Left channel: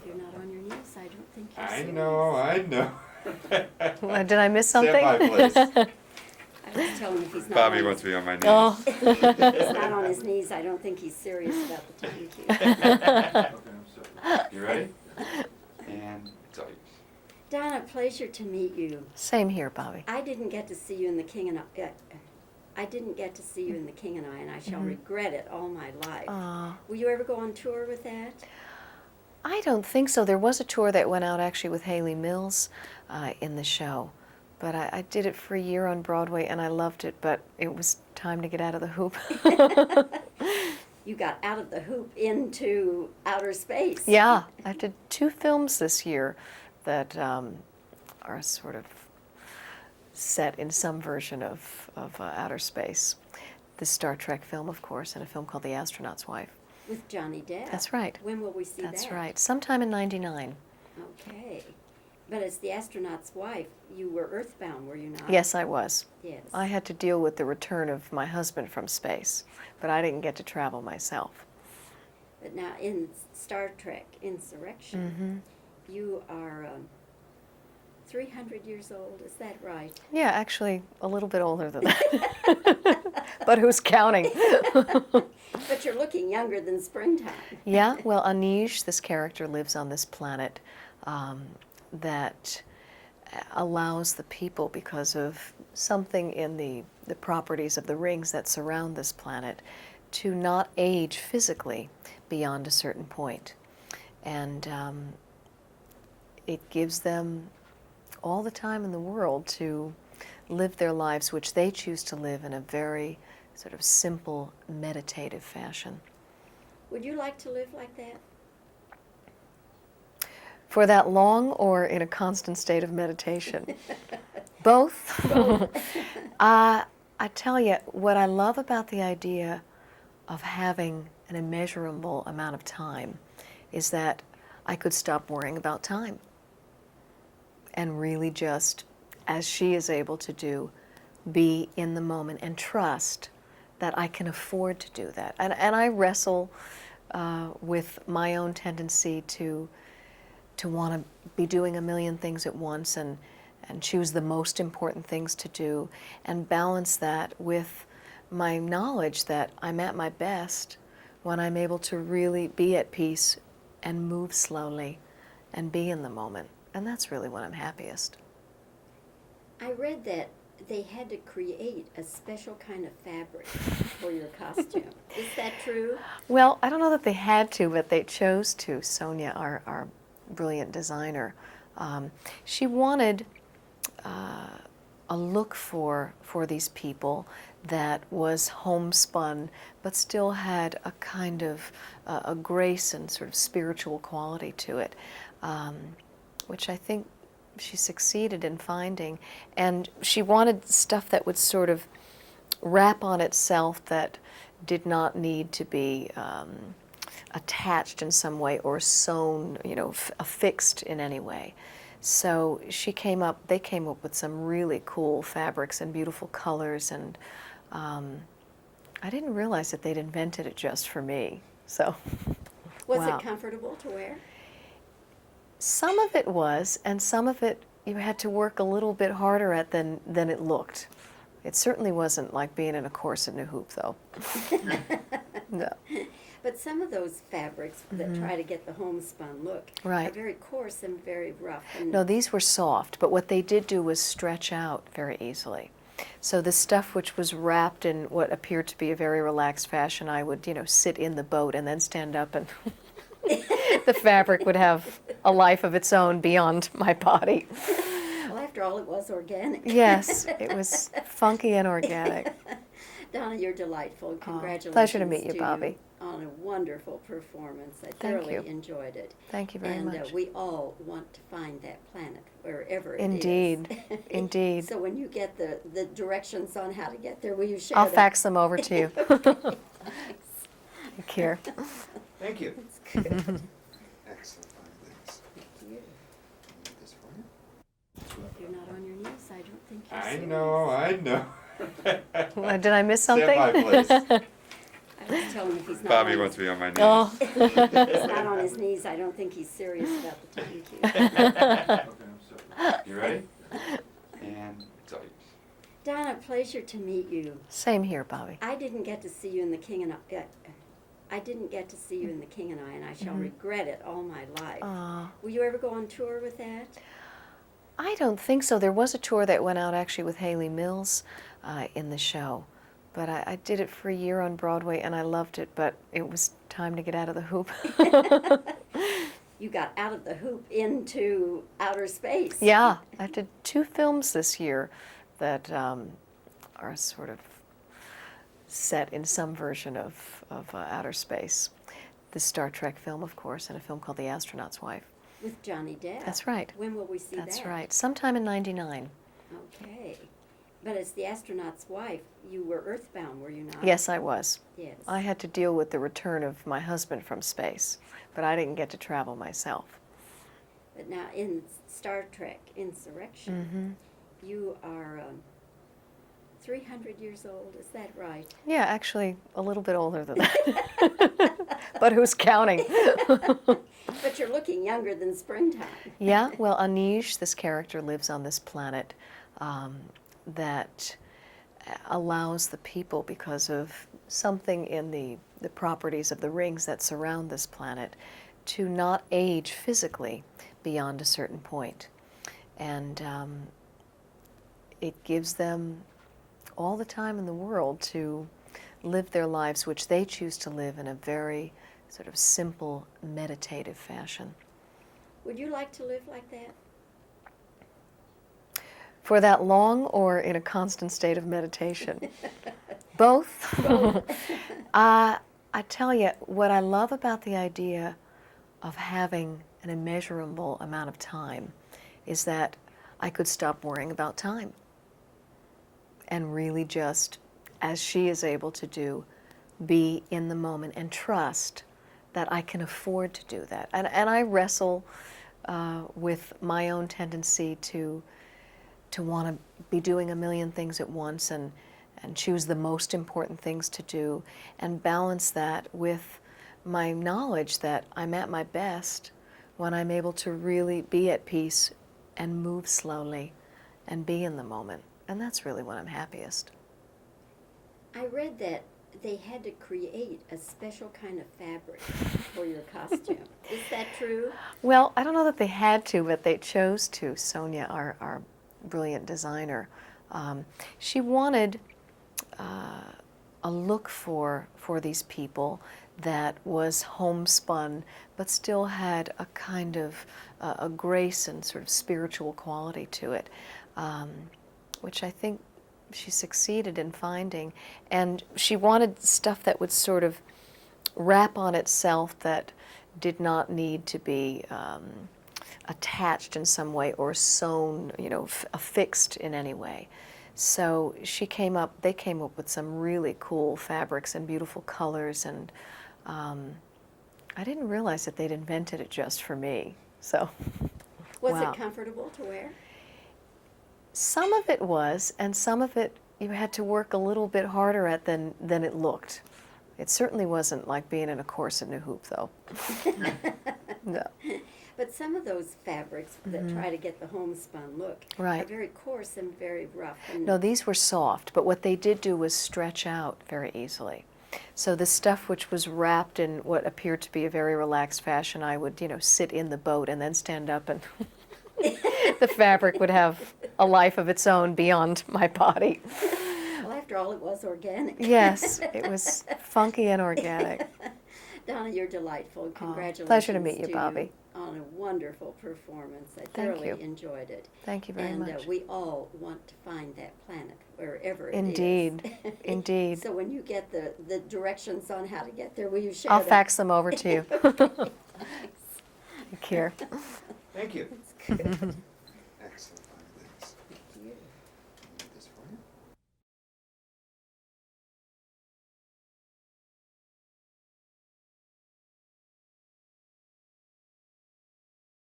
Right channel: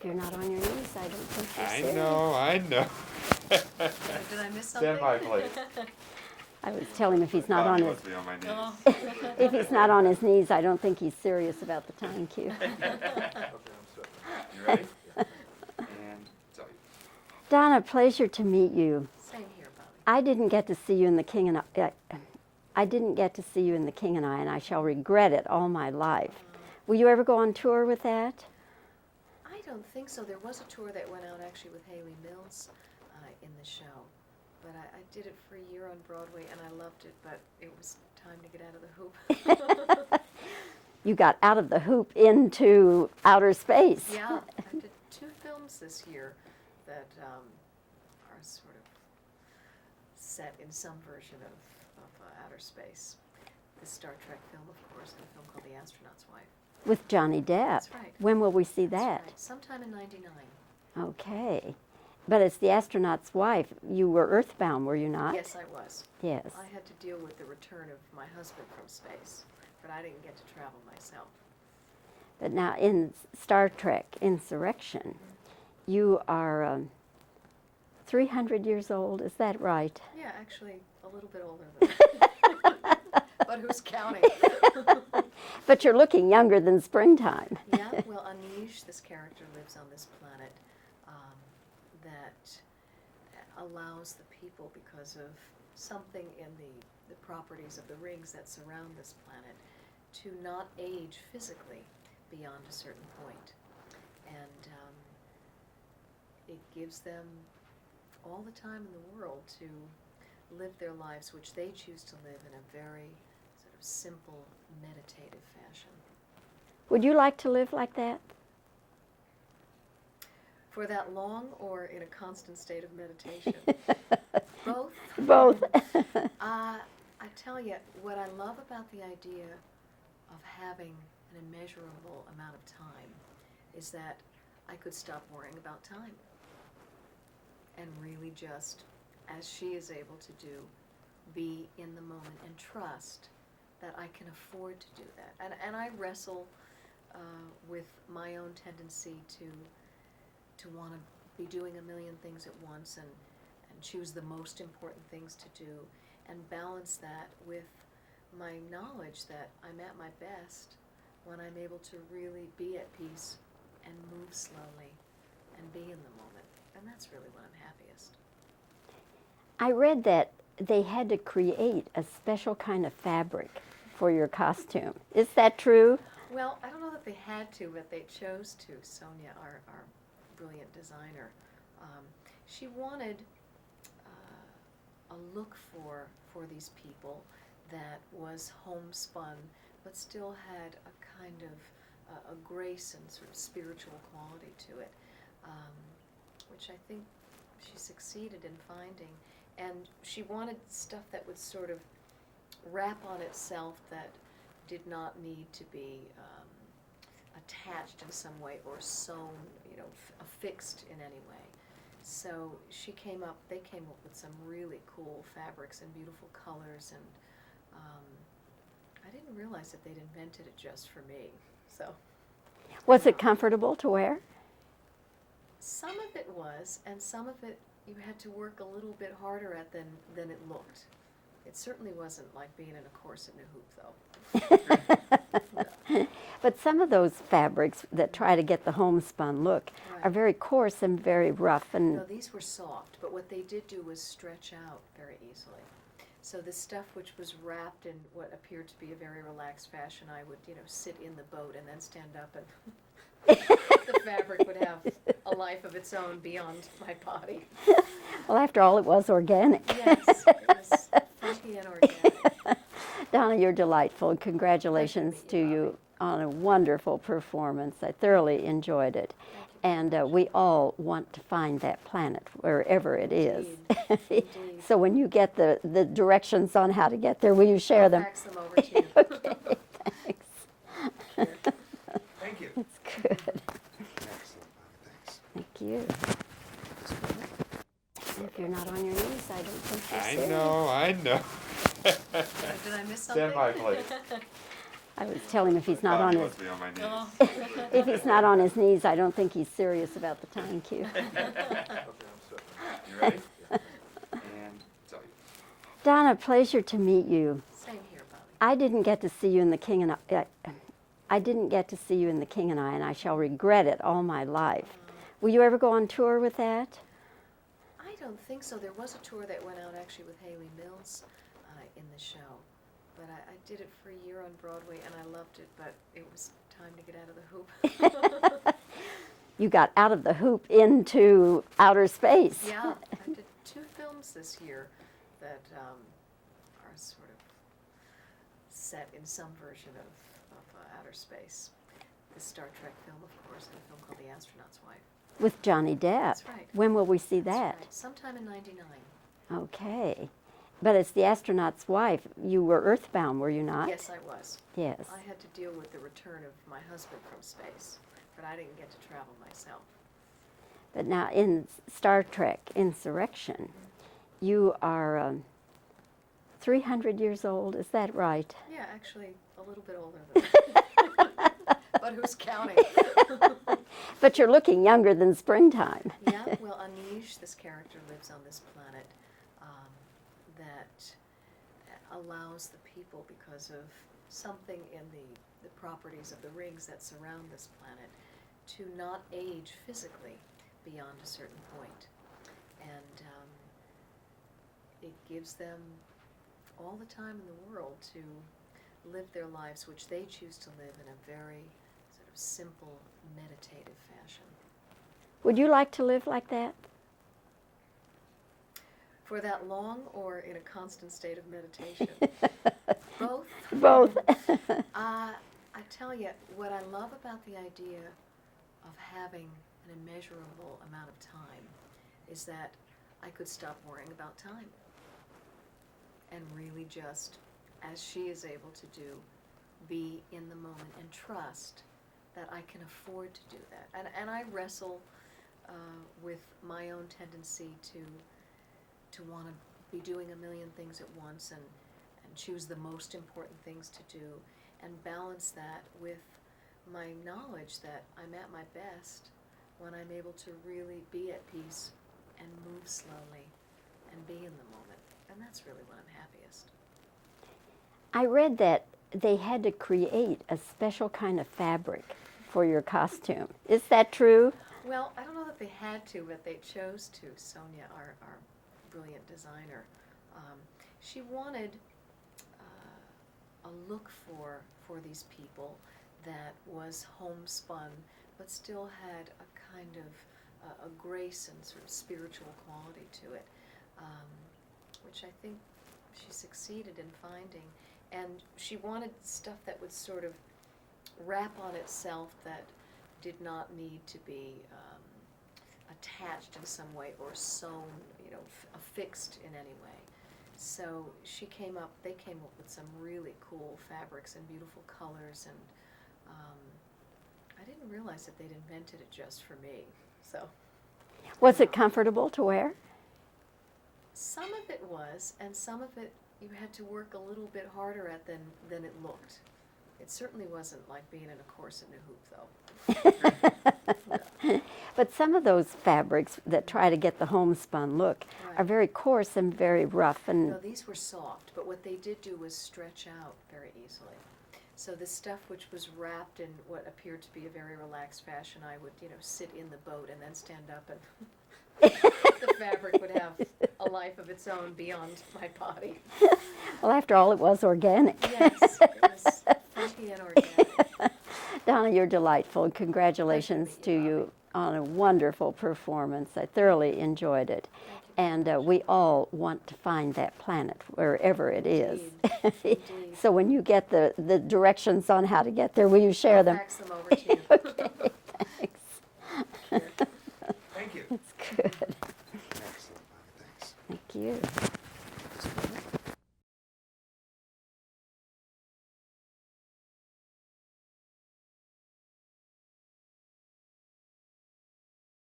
If you're not on your knees, I don't think you're serious. I know. Did I miss something? Stand by, please. I was telling him if he's not Bobbie on wants his, to be on my knees. Oh. if he's not on his knees, I don't think he's serious about the time cue. You ready? And it's all yours. Donna, pleasure to meet you. Same here, Bobbie. I didn't get to see you in The King and I didn't get to see you in The King and I shall regret it all my life. Will you ever go on tour with that? I don't think so. There was a tour that went out actually with Haley Mills in the show. But I did it for a year on Broadway, and I loved it, but it was time to get out of the hoop. You got out of the hoop into outer space. Yeah, I did 2 films this year that are sort of set in some version of outer space. The Star Trek film, of course, and a film called The Astronaut's Wife. With Johnny Depp. That's right. When will we see that? That's right. Sometime in '99. Okay. But as The Astronaut's Wife, you were earthbound, were you not? Yes, I was. Yes. I had to deal with the return of my husband from space, but I didn't get to travel myself. But now in Star Trek Insurrection, you are 300 years old, is that right? Yeah, actually a little bit older than that. But who's counting? But you're looking younger than springtime. Yeah, well, Anish, this character, lives on this planet that allows the people, because of something in the properties of the rings that surround this planet, to not age physically beyond a certain point. And it gives them all the time in the world to live their lives, which they choose to live in a very sort of simple, meditative fashion. Would you like to live like that? For that long, or in a constant state of meditation? Both. Both. I tell you, what I love about the idea of having an immeasurable amount of time is that I could stop worrying about time and really just, as she is able to do, be in the moment and trust that I can afford to do that. And I wrestle with my own tendency to want to be doing a million things at once and choose the most important things to do, and balance that with my knowledge that I'm at my best when I'm able to really be at peace and move slowly and be in the moment. And that's really when I'm happiest. I read that they had to create a special kind of fabric for your costume. Is that true? Well, I don't know that they had to, but they chose to. Sonia, our brilliant designer, she wanted a look for these people that was homespun, but still had a kind of a grace and sort of spiritual quality to it, which I think she succeeded in finding. And she wanted stuff that would sort of wrap on itself, that did not need to be attached in some way or sewn, affixed in any way. So they came up with some really cool fabrics and beautiful colors, and I didn't realize that they'd invented it just for me. So, Was wow. it comfortable to wear? Some of it was, and some of it you had to work a little bit harder at than it looked. It certainly wasn't like being in a corset and a hoop, though. No. But some of those fabrics that try to get the homespun look Right. are very coarse and very rough. And No, these were soft, but what they did do was stretch out very easily. So the stuff which was wrapped in what appeared to be a very relaxed fashion, I would, sit in the boat and then stand up, and the fabric would have a life of its own beyond my body. well, after all, it was organic. Yes, it was funky and organic. Donna, you're delightful. Congratulations pleasure to meet you, Bobbie. On a wonderful performance. I thoroughly enjoyed it. Thank you very and much. We all want to find that planet wherever it is. Indeed, indeed. So when you get the directions on how to get there, will you share I'll them? fax them over to you. Okay, thanks. Take care. Thank you. It's good. Excellent. Thanks. Thank you. If you're not on your knees, I don't think you're serious. I know. Did I miss something? Stand by, please. I was telling him if he's not Bobbie on wants his, to be on my knees. Oh, if he's not on his knees, I don't think he's serious about the time cue. You ready? And it's all yours. Donna, pleasure to meet you. same here, Bobbie. I didn't get to see you in The King and I didn't get to see you in The King and I shall regret it all my life. Aw. Will you ever go on tour with that? I don't think so. There was a tour that went out actually with Haley Mills in the show, but I did it for a year on Broadway and I loved it, but it was time to get out of the hoop. You got out of the hoop into outer space. Yeah, I did 2 films this year that are sort of set in some version of outer space. The Star Trek film, of course, and a film called The Astronaut's Wife. With Johnny Depp. That's right. When will we see That's that? right. Sometime in '99. Okay. But it's The Astronaut's Wife. You were earthbound, were you not? Yes, I was. Yes. I had to deal with the return of my husband from space, but I didn't get to travel myself. But now in Star Trek Insurrection, you are 300 years old, is that right? Yeah, actually, a little bit older than that. But who's counting? But you're looking younger than springtime. Yeah, well, Anish, this character, lives on this planet that allows the people, because of something in the properties of the rings that surround this planet, to not age physically beyond a certain point. And it gives them all the time in the world to live their lives, which they choose to live in a very sort of simple, meditative fashion. Would you like to live like that? For that long, or in a constant state of meditation? Both? Both. I tell you, what I love about the idea of having an immeasurable amount of time is that I could stop worrying about time and really just, as she is able to do, be in the moment and trust that I can afford to do that. And I wrestle with my own tendency to want to be doing a million things at once and choose the most important things to do, and balance that with my knowledge that I'm at my best when I'm able to really be at peace and move slowly and be in the moment. And that's really when I'm happiest. I read that they had to create a special kind of fabric for your costume. Is that true? Well, I don't know that they had to, but they chose to. Sonia, our brilliant designer, she wanted a look for these people that was homespun, but still had a kind of a grace and sort of spiritual quality to it, which I think she succeeded in finding. And she wanted stuff that would sort of wrap on itself, that did not need to be attached in some way or sewn, affixed in any way. So they came up with some really cool fabrics and beautiful colors, and I didn't realize that they'd invented it just for me. So, Was wow. it comfortable to wear? Some of it was, and some of it you had to work a little bit harder at than it looked. It certainly wasn't like being in a corset and a hoop, though. No. But some of those fabrics that try to get the homespun look Right. are very coarse and very rough. And No, these were soft, but what they did do was stretch out very easily. So the stuff which was wrapped in what appeared to be a very relaxed fashion, I would, sit in the boat and then stand up, and the fabric would have a life of its own beyond my body. well, after all, it was organic. Yes, it was funky and organic. Donna, you're delightful. Congratulations pleasure to meet to you, Bobbie. you on a wonderful performance. I thoroughly you. enjoyed it. Thank you very And much. we all want to find that planet wherever it is. Indeed, indeed. So when you get the directions on how to get there, will you share I'll them? fax them over to you. Thanks. Care. Thank you. Good.